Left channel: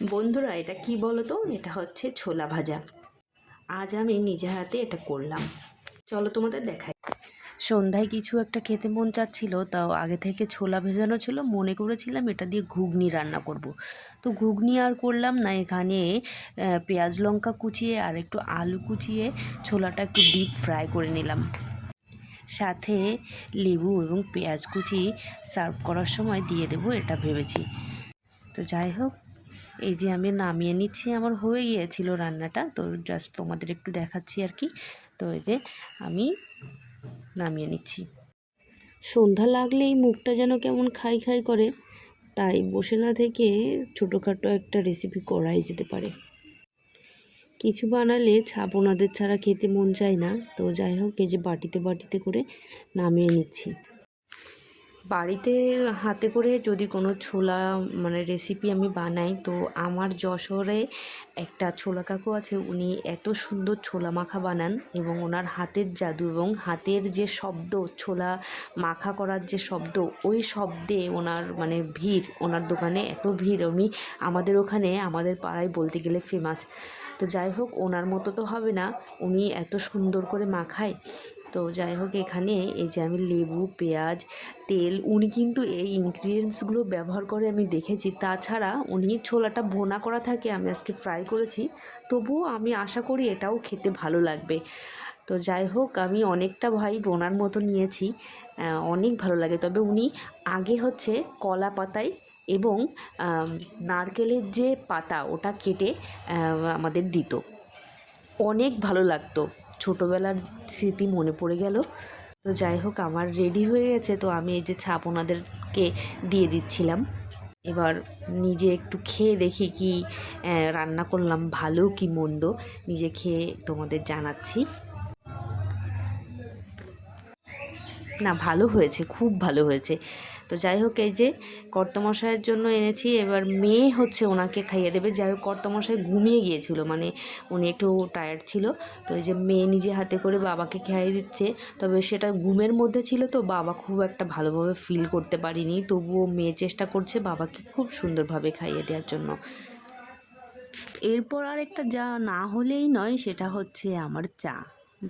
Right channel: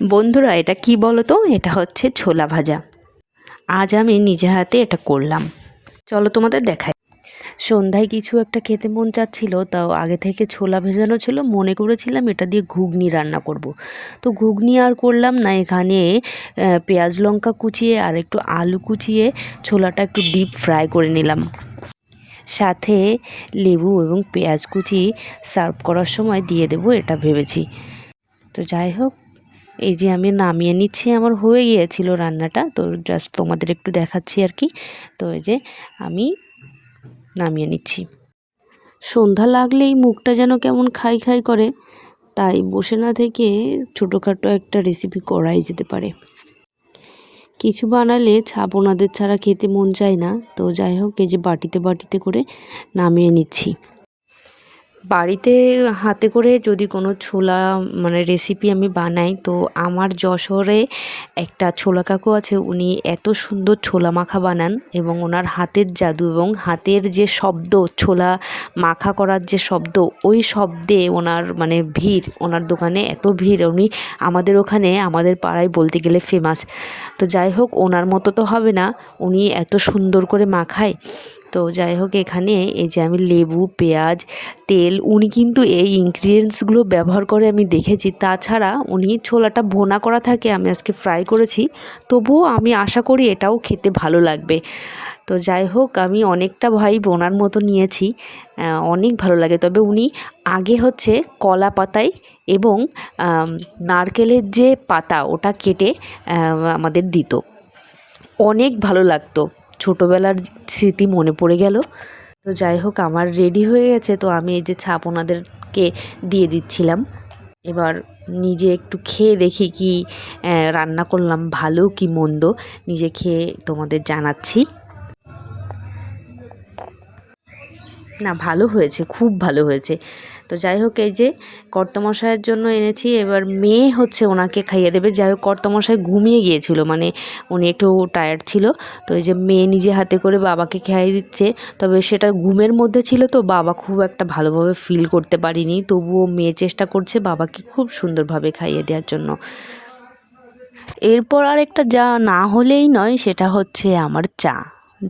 বন্ধুরা, এটা কি বলো তো? এটা হচ্ছে ছোলা ভাজা। আজ আমি নিজে হাতে এটা করলাম। চলো তোমাদের দেখাই। সন্ধ্যায় কিছু একটা খেতে মন চাচ্ছিল, তাও আগে থেকে ছোলা ভেজানো ছিল, মনে করেছিলাম এটা দিয়ে ঘুগনি রান্না করব। তো ঘুগনি আর করলাম না, এখানে পেঁয়াজ লঙ্কা কুচিয়ে আর একটু আলু কুচিয়ে ছোলাটা একটু ডিপ ফ্রাই করে নিলাম। সাথে লেবু এবং পেঁয়াজ কুচি সার্ভ করার সময় দিয়ে দেবো এটা ভেবেছি। তো যাই হোক, এই যে আমি নামিয়ে নিচ্ছি, আমার হয়ে গিয়েছিল রান্নাটা, তো জাস্ট তোমাদের একটু দেখাচ্ছি আর কি। তো এই যে আমি নামিয়ে নিচ্ছি। সন্ধ্যা লাগলেই মুখটা যেন কেমন খাই খাই করে, তাই বসে না থেকে ছোটোখাটো একটা রেসিপি করাই যেতে পারে। কিছু বানালে ছাপোনাদের ছাড়া খেতে মন চায় না। তো যাই হোক, এই যে বাটিতে বাটিতে করে নামিয়ে নিচ্ছি। বাড়িতে হাতে করে যদি কোনো ছোলা রেসিপি আমি বানাই, তো আমার যশোরে একটা ছোলা কাকু আছে, উনি এত সুন্দর ছোলা মাখা বানান এবং ওনার হাতের জাদু এবং হাতের যে শব্দ, ছোলা মাখা করার যে শব্দ, ওই শব্দে ওনার ভিড়, ওনার দোকানে এত ভিড়। উনি আমাদের ওখানে, আমাদের পাড়ায় বলতে গেলে ফেমাস। তো যাই হোক, ওনার মতো তো হবে না, উনি এত সুন্দর করে মাখায়। তো যাই হোক, এখানে এই যে আমি লেবু, পেঁয়াজ, তেল, উনি কিন্তু এই ইনগ্রিডিয়েন্টসগুলো ব্যবহার করে আমি দেখেছি। তাছাড়া উনি ছোলাটা ভোনা করা থাকে, আমি আজকে ফ্রাই করেছি, তবুও আমি আশা করি এটাও খেতে ভালো লাগবে। তো যাই হোক, আমি অনেকটা ওনার মতো নিয়েছি, অনেক ভালো লাগে। তবে উনি আগে হচ্ছে কলা পাতায় এবং নারকেলের যে পাতা, ওটা কেটে আমাদের দিত, অনেক ভালো লাগতো। ছোটোবেলার স্মৃতি মনে পড়ে গেল। তো যাই হোক, আমার রেডি হয়ে গেছে, তো আমি এই যে ছাপ ওনাদেরকে দিয়ে দিচ্ছিলাম। এবার নিজে একটু খেয়ে দেখি কি রান্না করলাম, ভালো কি মন্দ, নিজে খেয়ে তোমাদের জানাচ্ছি। না, ভালো হয়েছে, খুব ভালো হয়েছে। তো যাই হোক, এই যে কর্তামশাইয়ের জন্য এনেছি, এবার মেয়ে হচ্ছে ওনাকে খাইয়ে দেবে। যাই হোক, কর্তামশাই ঘুমিয়ে গিয়েছিল, উনি একটু টায়ার্ড ছিল। তো এই যে মেয়ে নিজে হাতে করে বাবাকে খাইয়ে দিচ্ছে। তবে সেটা ঘুমের মধ্যে ছিল, তো বাবা খুব একটা ভালোভাবে ফিল করতে পারিনি, তবুও মেয়ে চেষ্টা করছে বাবাকে খুব সুন্দরভাবে খাইয়ে দেওয়ার জন্য। এরপর আরেকটা যা না হলেই নয়, সেটা হচ্ছে আমার চা।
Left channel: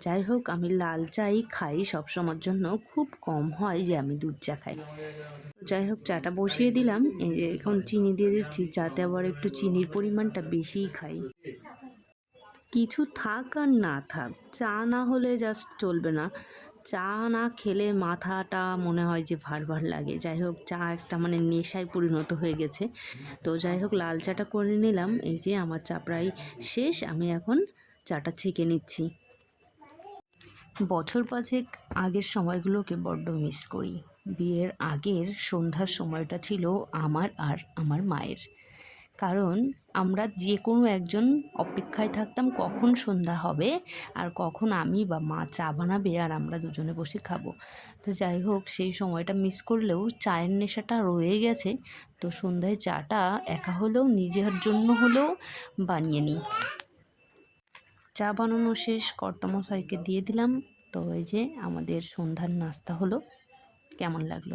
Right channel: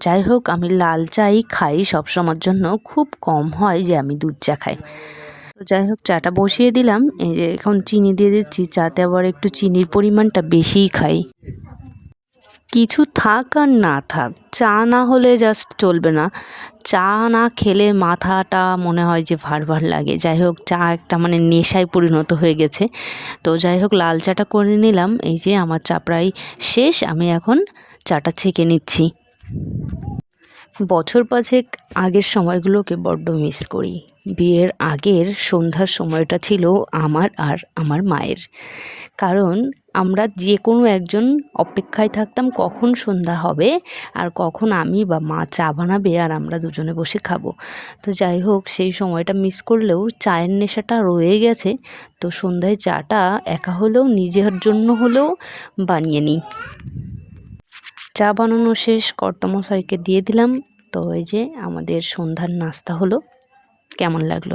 যাই হোক, আমি লাল চাই খাই সবসময়ের জন্য, খুব কম হয় যে আমি দুধ চা খাই। তো যাই হোক, চাটা বসিয়ে দিলাম, এই যে এখন চিনি দিয়ে দিচ্ছি। চাতে আবার একটু চিনির পরিমাণটা বেশিই খাই। কিছু থাক আর না থাক, চা না হলে জাস্ট চলবে না। চা না খেলে মাথাটা মনে হয় যে ভার ভার লাগে। যাই হোক, চা একটা নেশায় পরিণত হয়ে গেছে। তো যাই হোক, লাল চাটা করে নিলাম। এই যে আমার চা প্রায় শেষ, আমি এখন চাটা ছেঁকে নিচ্ছি। বছর পাঁচেক আগের সময়গুলোকে বড্ড মিস করি। বিয়ের আগের সন্ধ্যার সময়টা ছিল আমার আর আমার মায়ের। কারণ আমরা যে কোনো একজন অপেক্ষায় থাকতাম কখন সন্ধ্যা হবে আর কখন আমি বা মা চা বানাবে আর আমরা দুজনে বসে খাবো। তো যাই হোক, সেই সময়টা মিস করলেও চায়ের নেশাটা রয়ে গেছে। তো সন্ধ্যায় চাটা একা হলেও, নিজের জন্য হলেও বানিয়ে নিই। চা বানানো শেষ, কর্তামশাইকে দিয়ে দিলাম। তো এই যে আমাদের সন্ধ্যার নাস্তা হলো। কেমন লাগলো?